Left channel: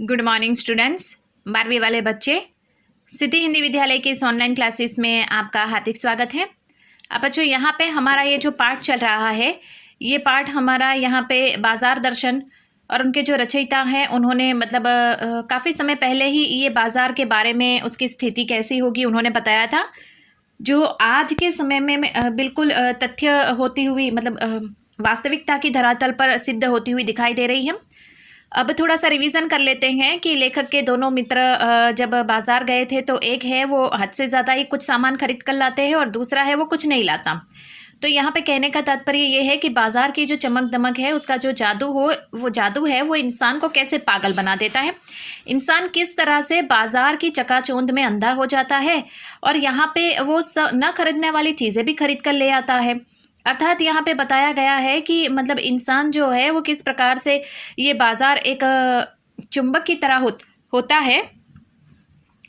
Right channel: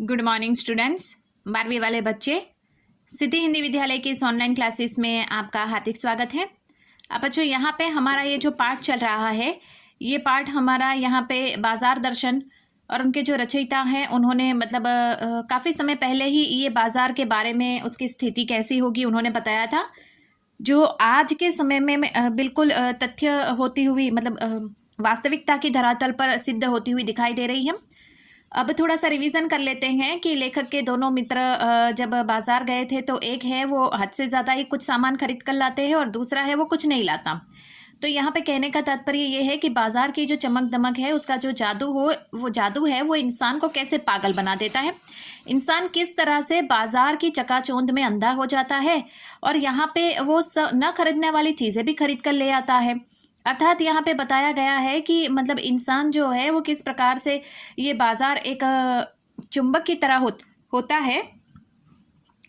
Good morning students. 12वीं वाले बच्चे, सिद्धि हिंदी विद्यालय की इस ऑनलाइन क्लासेस में आपका हार्दिक स्वागत है। अब बच्चों, यहाँ पे हमारा ये जो पाठ चल रहा है, ये पाठ हमारा यहाँ पे बाजार दर्शन और उनके जो रचयिता हैं उन्होंने काफ़ी समय पहले ही ये बाजार के बारे में, उसकी स्थिति कैसी होगी, उन्होंने बताया था। जो आज के समय में बिल्कुल तथ्य होती हुई वास्तविकता की धरातल पर सिद्ध होती हुई दिखाई दे रही है। अब थोड़ा सा रिवीजन कर लेते हैं कि लेखक के दोनों मित्र जब बाजार गए थे तो एक है वो हद से ज़्यादा ही कुछ सामान खरीद कर लाते हैं और दूसरा है वो कुछ नहीं लाता। तो यहाँ पे कहने का तात्पर्य ये है कि बाजार की जो चमक दमक है, उसका जो जादू है वो इंसान को कैसे पागल बना देता है। इंसान किस तरह से बाजार की चकाचौंध में अंधा हो जाता है और यहाँ पे वो न खरीदने वाली चीज़ें भी खरीद कर ले आता है। अर्थात यहाँ पे बताया गया है कि इंसान जो है वो किस प्रकार से ये बाजार एक चुंबक की तरह होता है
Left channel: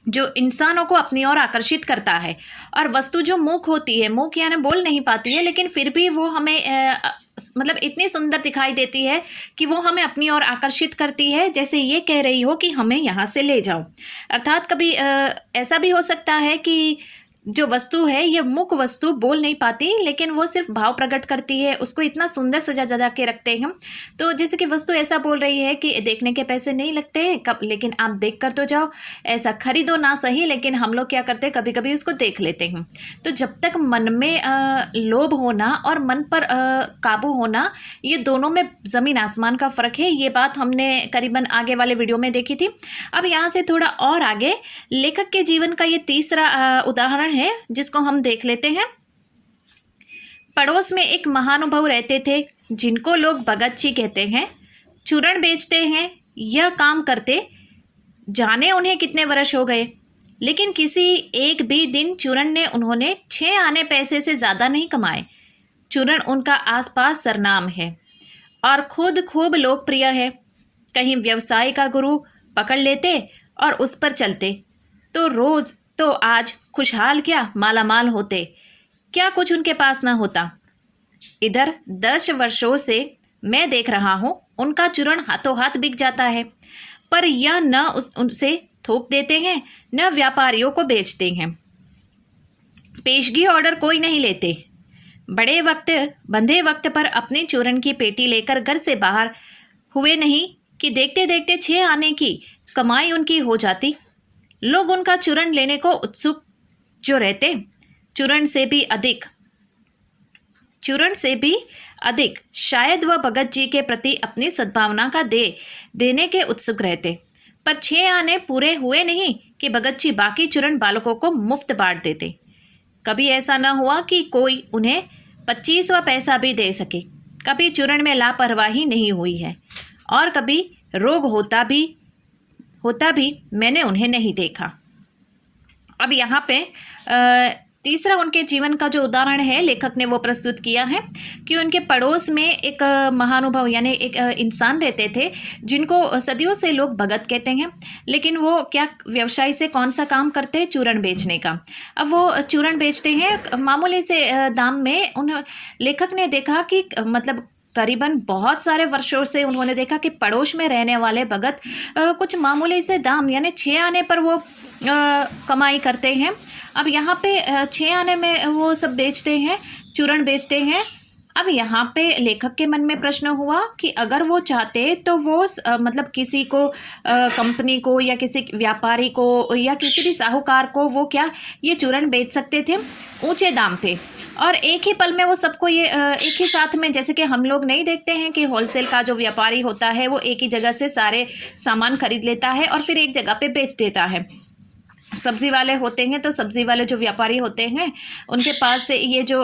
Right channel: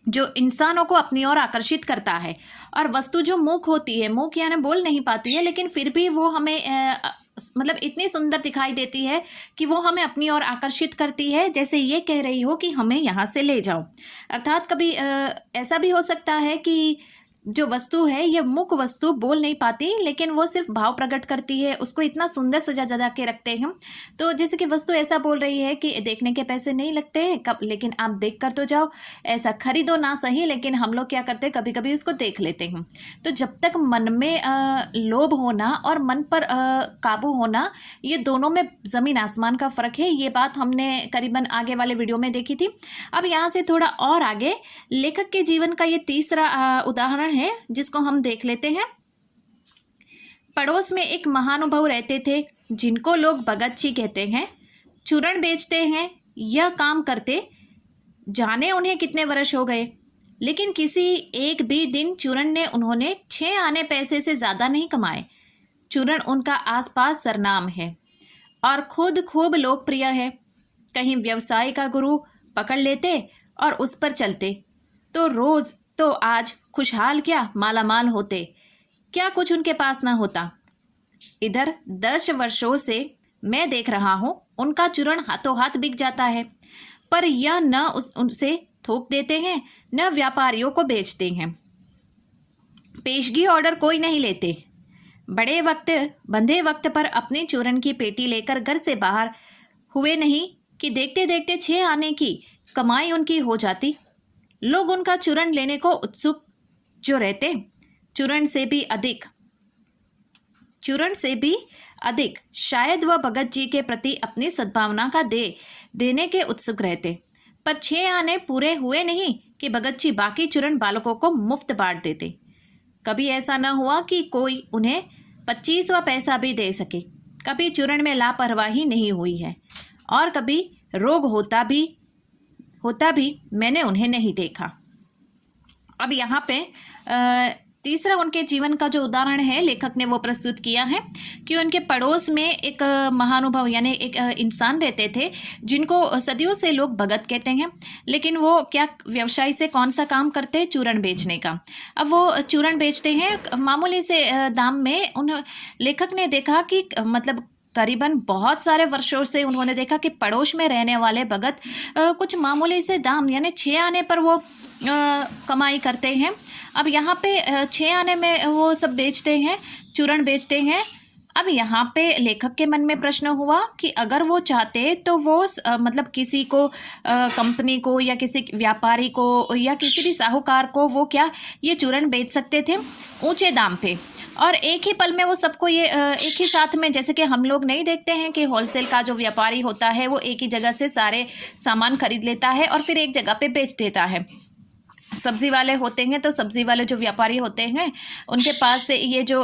जो इंसानों को अपनी ओर आकर्षित करता है। और वस्तु जो मूक होती है, मूक यानी बोल नहीं पाती है, लेकिन फिर भी वो हमें इतनी सुंदर दिखाई देती है कि वो हमें अपनी ओर आकर्षित करती है, जैसे ये कह रही हो कि हमें यहाँ से ले जाओ। अर्थात कभी ऐसा भी हो सकता है कि जो वस्तु है, ये मूक वस्तु बोल नहीं पाती, लेकिन वो सिर्फ भाव प्रकट करती है, उसको इतना सुंदर सजा के रखते हैं। तो जैसे कि वस्तु ऐसा बोल रही है कि देखने के पैसे नहीं लगते हैं कब, लेकिन आप देख कर तो जाओ, ऐसा खरीदो ना सही, लेकिन हम लोग क्या करते हैं, कभी कभी उसको देख लेते हैं। तो जब तक मन में लोभ होना और मन पर काबू होना, ये दोनों में ज़मीन आसमान का फ़र्क है। ये बात हमने करीबन आगे वाले वीडियो में देखी थी। अब यहाँ से थोड़ा और आगे लेखक के जीवन का ये तीसरा उदाहरण है, जिसको हम देख लेते हैं। पड़ोस में एक महानुभाव रहते थे जिनको लोग भगत जी कहते हैं। चूरण बेचते हैं, यह काम करते जाने उन्हें कितने वर्ष हो गए, लेकिन किसी एक भी दिन चूरण ने उन्होंने 6 आने पैसे से ज़्यादा नहीं कमाए। चूरण उनका आसपास सरनाम है और खुद खूब लोकप्रिय है। कहीं व्यवसाय का गुरु पकड़ लेते और उस पर चलते तो आज खुशहाल क्या मालामाल होते। क्या कुछ उनके पास ना होता। इधर 10 वर्षों से मैं देख रहा हूँ, उनका चूरण हाथों हाथ बिक जाता है, पर यह न उनसे थोक देते हैं, न व्यापारियों को बेचते हैं। पेशगी ऑर्डर कोई नहीं लेते। बंधे वक्त पर अपने चूरण की पेटी लेकर घर से बाहर हुए नहीं कि देखते देखते 6 आने की कमाई उनकी हो जाती। लोग उनका चूरण लेने को उत्सुक जो रहते, चूरण से भी अधिक शायद वह भगत जी के प्रति अपनी सद्भावना का देने के उत्सुक रहते। पर 6 आने पूरे हुए नहीं कि भगत जी बाकी चूरण बालकों को मुफ्त बांट देते। कभी ऐसा न हुआ कि कोई उन्हें 25वां पैसा भी दे सके। कभी चूरण में लापरवाही नहीं हुई है और कभी रोग होता भी मैंने उन्हें नहीं देखा। अब यहाँ पे तीसरा उनके जीवन का जो उदाहरण है, लेखक ने वो प्रस्तुत किया है कि उनके पड़ोस में एक महानुभाव यानी एक इंसान रहते थे जिनको सदियों से लोग भगत कहते हैं। लेकिन वो क्या व्यवसाय से कौन सा काम करते, चूरण बेचने का। अब वो चूरण बेचते हैं मामूली से दाम में। उन लेखक ने देखा कि करीबन बहुत सारे वर्षों से उन्होंने देखा कि पड़ोस में रहने वाले भगत कुछ मामूली से दाम यानी 6 आने पर वो कमाई करते हैं। अब यहाँ पे 6 आने में वो सब बेचते हैं, चूरण बेचते हैं। अब यहाँ पे लेखक के मन में प्रश्न हुआ कि अगर वो चाहते तो वो किसी को कंपनी को या किसी व्यापारी को या किसी भी साहूकार को वो क्या ये चूरण बेच सकते थे ऊंचे दाम पे, और एक ही पल में वो सबको ये एक ही साथ में, जैसे कि हम लोग नहीं देखते हैं कि होलसेल का जो व्यापारी होता है वो एक ही जगह से सारे सामान खरीद लेता है और फिर एक जगह पे बेच देता है। सब्ज़ी वाले होते हैं तो सब्ज़ी वाले जो व्यापारी होते हैं उनके पास से ये जो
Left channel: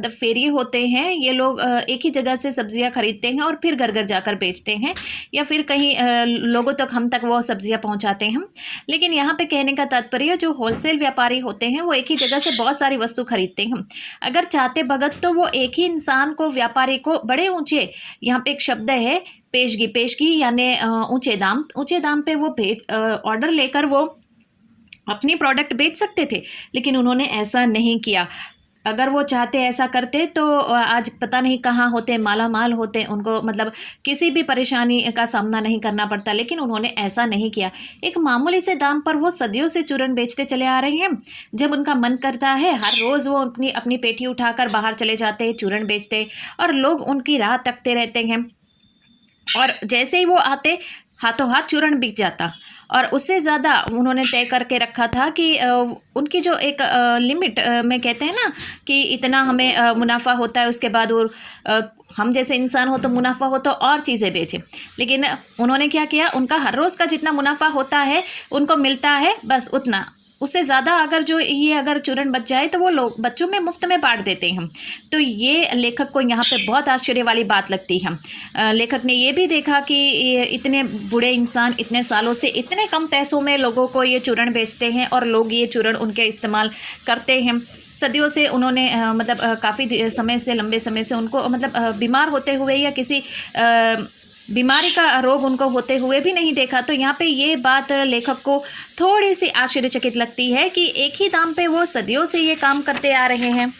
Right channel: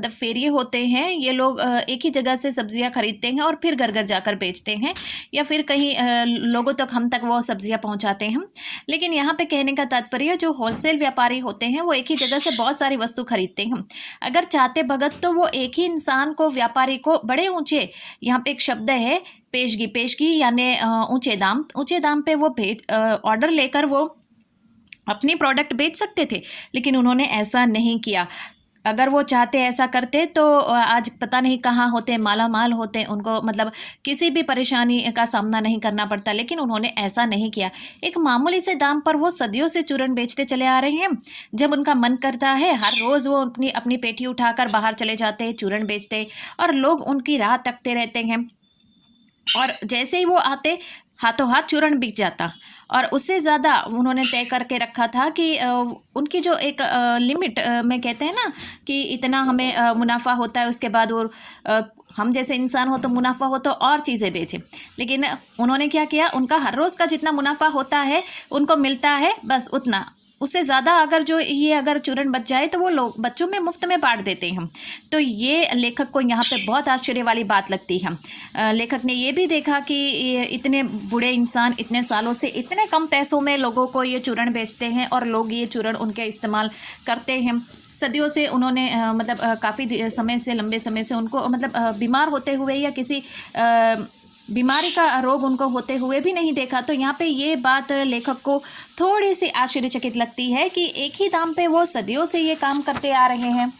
फेरिए होते हैं, ये लोग एक ही जगह से सब्ज़ियां खरीदते हैं और फिर घर घर जाकर बेचते हैं या फिर कहीं लोगों तक हम तक वो सब्ज़ियां पहुंचाते हैं। लेकिन यहाँ पे कहने का तात्पर्य, जो होलसेल व्यापारी होते हैं वो एक ही जगह से बहुत सारी वस्तु खरीदते हैं। अगर चाहते भगत तो वो एक ही इंसान को, व्यापारी को बड़े ऊँचे, यहाँ पे एक शब्द है पेशगी यानी ऊँचे दाम पे वो ऑर्डर लेकर वो अपनी प्रोडक्ट बेच सकते थे, लेकिन उन्होंने ऐसा नहीं किया। अगर वो चाहते ऐसा करते तो आज पता नहीं कहाँ होते, माला माल होते, उनको मतलब किसी भी परेशानी का सामना नहीं करना पड़ता। लेकिन उन्होंने ऐसा नहीं किया। एक मामूली से दाम पर वो सदियों से चूरन बेचते चले आ रहे हैं। जब उनका मन करता है हर रोज़ वो अपनी अपनी पेटी उठाकर बाहर चले जाते हैं, चूरन बेचते, और लोग उनकी राह तकते रहते हैं। और जैसे ही वो आते हाथों हाथ चूरन बिक जाता। और उससे ज़्यादा उन्होंने तय करके रखा था कि उनकी जो एक लिमिट में कहते हैं ना कि इतना हमें मुनाफा होता है, उसके बाद वो हम जैसे इंसान हो तो मुनाफा हो तो और चीज़ें बेचें। लेकिन उन्होंने क्या किया, उनका हर रोज़ का जितना मुनाफा होता है उनको मिलता है बस उतना, उससे ज़्यादा अगर जो ये अगर चूरन बच जाए तो वो लोग बच्चों में मुफ्त में बांट देते हैं। तो ये लेखक को यहाँ पे बहुत आश्चर्य वाली बात लगती है। लेखक ने ये भी देखा कि इतने बूढ़े इंसान इतने सालों से इतने कम पैसों में लोगों को ये चूरन बेचते हैं और लोग ये चूरन उनके इस्तेमाल करते हैं। सदियों से उन्होंने मतलब काफ़ी समय से, लंबे समय से उनको मतलब बीमार होते हुए या किसी बीमारी का रोग उनको होते हुए भी नहीं देखा। तो यहाँ पे ये बात लेखक को थोड़ी सी आश्चर्यचकित लगती है कि एक ही दाम पे वो सदियों से ये काम करते आ रहे हैं।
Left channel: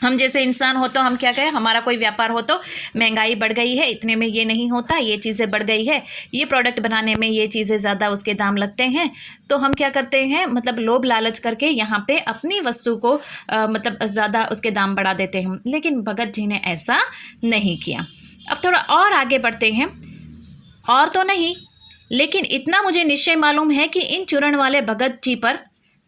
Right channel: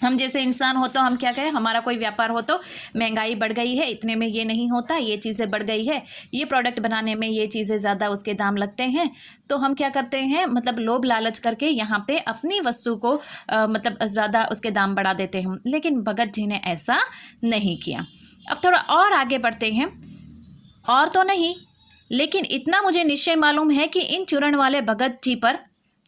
हम जैसे इंसान हो तो हम क्या कहें, हमारा कोई व्यापार हो तो महंगाई बढ़ गई है, इतने में ये नहीं होता, ये चीज़ें बढ़ गई है, ये प्रोडक्ट बनाने में ये चीज़ें ज़्यादा उसके दाम लगते हैं, तो हम क्या करते हैं मतलब लोभ लालच करके यहाँ पे अपनी वस्तु को मतलब ज़्यादा उसके दाम बढ़ा देते हैं। लेकिन भगत जी ने ऐसा नहीं किया। अब थोड़ा और आगे बढ़ते हैं। और तो नहीं, लेकिन इतना मुझे निश्चय मालूम है कि इन चूरण वाले भगत जी पर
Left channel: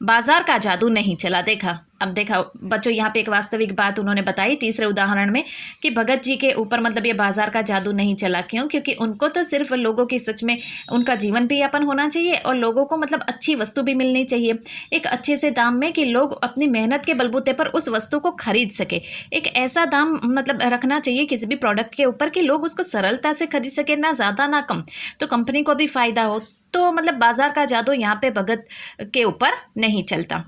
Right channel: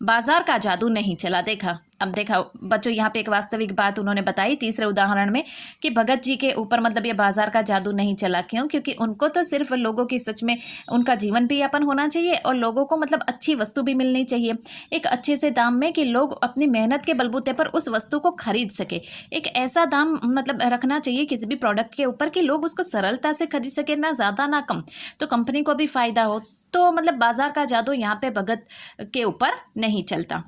बाजार का जादू नहीं चला। देखा, अब देखा बच्चों, यहाँ पे एक वास्तविक बात उन्होंने बताई तीसरे उदाहरण में कि भगत जी के ऊपर मतलब ये बाजार का जादू नहीं चला। क्यों? क्योंकि उनको तो सिर्फ लोगों की सच में उनका जीवन भी यापन होना चाहिए और लोगों को मतलब अच्छी वस्तु भी मिलनी चाहिए एक अच्छे से दाम में, कि लोग अपनी मेहनत के बलबूते पर उस वस्तु को खरीद सके। एक ऐसा दाम मतलब रखना चाहिए किसी भी प्रोडक्ट के ऊपर कि लोग उसको सरलता से खरीद सके, ना ज़्यादा ना कम, तो कंपनी को भी फ़ायदा हो। तो मतलब बाजार का जादू यहाँ पे भगत के ऊपर नहीं चलता।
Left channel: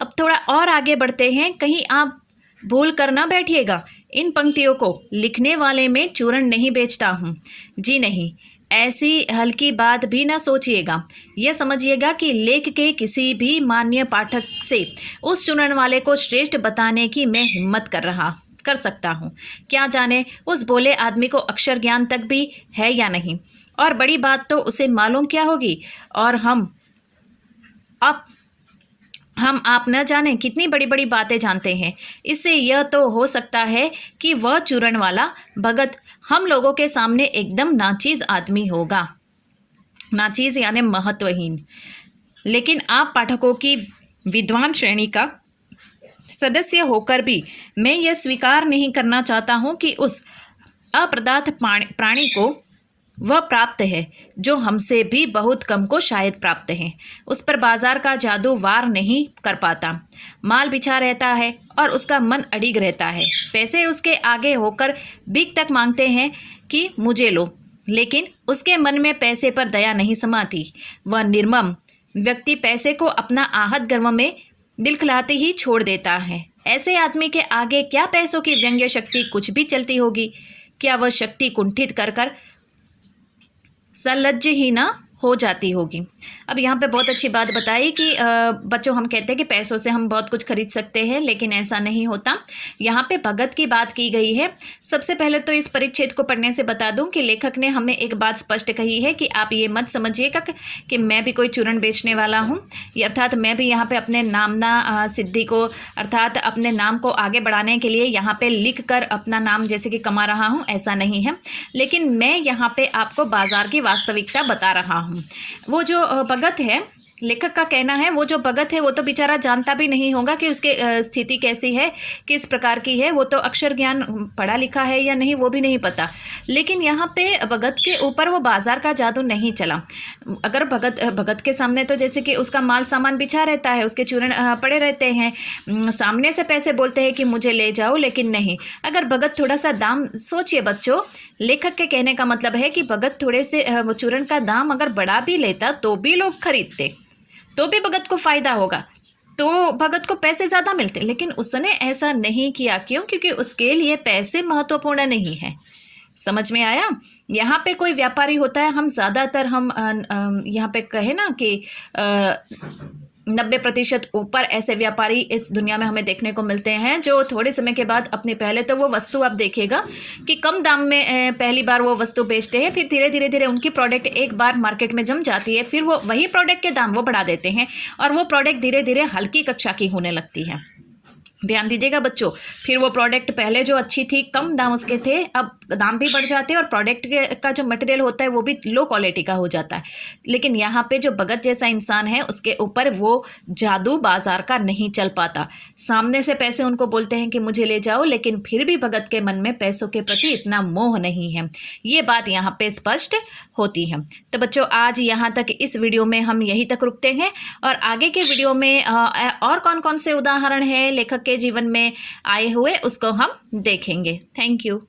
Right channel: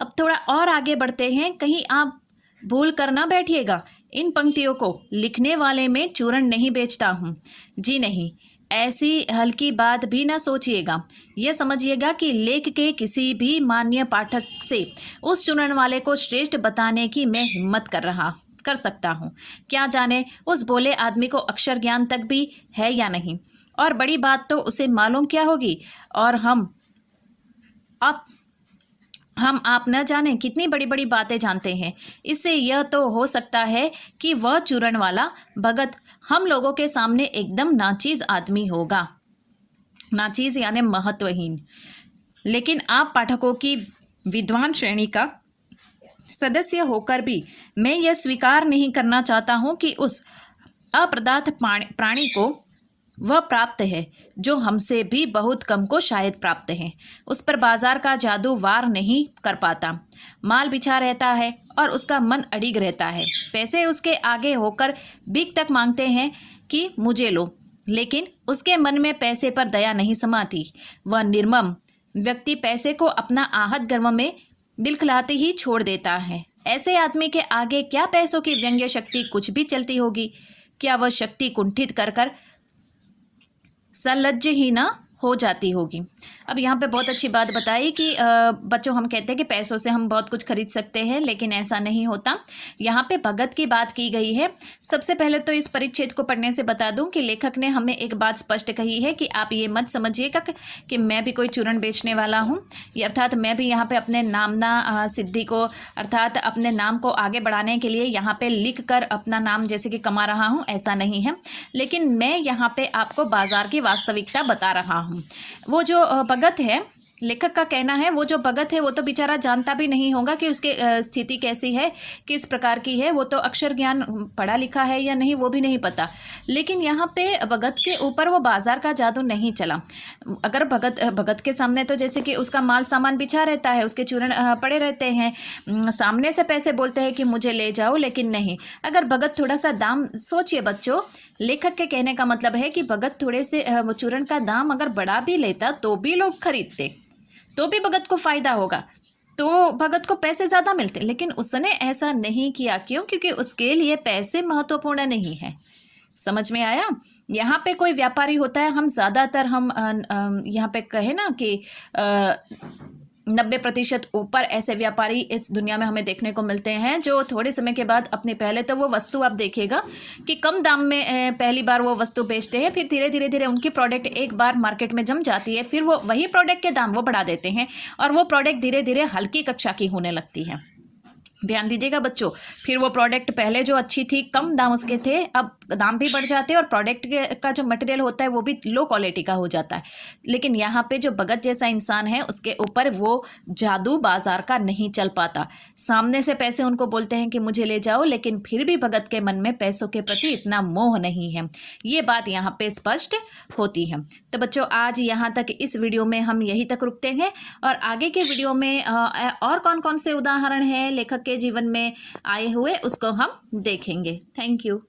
अब थोड़ा और आगे बढ़ते हैं। कहीं आप भूल कर ना बैठिएगा, इन पंक्तियों को लिखने वाले में चूरण नहीं बेचता हूँ, जी नहीं, ऐसी हल्की बात भी ना सोचिएगा। यह समझिएगा कि लेख के किसी भी मान्य पाठक से उस चूरण वाले को श्रेष्ठ बताने की मैं हिम्मत कर सकता हूँ। क्या जाने उस भोले आदमी को अक्षर ज्ञान तक भी है या नहीं, और बड़ी बात तो उसे मालूम क्या होगी, और हम आप न जाने कितनी बड़ी बड़ी बातें जानते हैं। इससे यह तो हो सकता है कि वह चूरण वाला भगत हम लोगों के सामने एकदम नाचीज आदमी होगा, नाचीज यानी महत्वहीन। लेकिन आप पाठकों की विद्वान श्रेणी का सदस्य होकर भी मैं यह स्वीकार नहीं करना चाहता हूँ कि उस अपदार्थ प्राणी को वह प्राप्त है जो हमसे भी बहुत कम को शायद प्राप्त है। उस पर बाजार का जादू वार नहीं कर पाता। माल बिछा रहता है और उसका मन अड़िग रहता है। पैसे उसके आगे होकर भीख तक मांगते हैं कि मुझे लो, लेकिन उसके मन में पैसे पर दया नहीं समाती। वह निर्मम व्यक्ति पैसे को अपना आहत गर्व में दिलखिलाते ही छोड़ देता है। ऐसे आदमी के आगे क्या पैसों की व्यंग्य शक्ति कुछ भी चलती होगी? क्या वह शक्ति कुंठित कर कर सलज्ज ही ना हो जाती होगी। अब यहाँ पे बहुत अच्छी बात बताई कि बच्चों हम कहते हैं कि पैसों से हम बहुत कुछ खरीद सकते हैं, लेकिन ऐसा नहीं होता। यहाँ पे भगत की बात की गई है। सबसे पहले तो इस परिच्छेद को पढ़ने से बता दूं कि लेखक ने हमें एक बात स्पष्ट कही है कि आप ये मत समझिएगा कि मैं भी कोई चूरण बेचने वाला हूँ, अर्थात मैं भी यहाँ पे अपने नामना सिद्धि को अर्थात अपने नाम को आगे बढ़ाने के लिए यहाँ पे लिख कर अपना नाम जैसे कि कमा रहा हूँ, ऐसा नहीं है। लेकिन मैं यहाँ पे आपको बाजार की वास्तविकता बता रहा हूँ। वो जो भगत है, लेखक का कहना है, वो जो भगत है वो तो बेचारा जानता भी नहीं होगा कि उसके स्थिति कैसी है, किस प्रकार की है। वो तो अक्षर ज्ञान पढ़ा लिखा है या नहीं वो भी नहीं पता। लेकिन यहाँ पे भगत के ऊपर वो बाजार का जादू नहीं चला। अगर भगत के सामने तो जैसे कि उसका माल सामान बिछा रहता है, उसके चूरण पड़े रहते हैं, सामने से पैसे बोलते हैं कि मुझे ले जाओ, लेकिन नहीं। अगर भगत थोड़ा सा दाम, सोचिए बच्चों, लेखक के कहने का मतलब है कि भगत थोड़े से चूरण का दाम अगर बढ़ा भी लेता तो भी लोग खरीदते, तो भी भगत को फायदा होगा, तो भगत को पैसे ज़्यादा मिलते। लेकिन उसने ऐसा नहीं किया। क्यों? क्योंकि उसके लिए पैसे महत्वपूर्ण नहीं है। समझ में आया? यहाँ पे कोई व्यापारी होता है, हम ज़्यादातर हम यहाँ पे कहे ना कि 90% ऊपर ऐसे व्यापारी इस दुनिया में हमें देखने को मिलते हैं जो थोड़े समय के बाद अपने, पहले तो वो वस्तु आप देखिएगा कि कम दाम में पहली बार वो वस्तु बेचते हैं, फिर धीरे धीरे उनकी प्रोडक्ट एक बार मार्केट में जम जाती है, फिर वो वही प्रोडक्ट के दाम वो बढ़ा देते हैं और वो प्रोडक्ट धीरे धीरे हल्की कक्षा की होने लगती है। ध्यान दीजिएगा बच्चों, फिर वो प्रोडक्ट पहले जो अच्छी थी, कम दाम उसके थे, अब दाम भी बढ़ जाते हैं और प्रोडक्ट का जो मटेरियल होता है वो भी लो क्वालिटी का हो जाता है। लेकिन यहाँ पे जो भगत जैसा इंसान है उसके ऊपर वो जादू बाजार का नहीं चल पाता। सामने से पैसे उनको बोलते हैं कि मुझे ले जाओ, लेकिन फिर भी भगत के मन में पैसों के प्रति इतना मोह नहीं है। ये बात यहाँ पे स्पष्ट होती है। तो बच्चों आज यहाँ तक इस वीडियो में हम यहीं तक रुकते हैं और आगे के वीडियो में और कौन कौन से उदाहरण है लेखक के जीवन में आए हुए उसको हम देखेंगे। Thank you.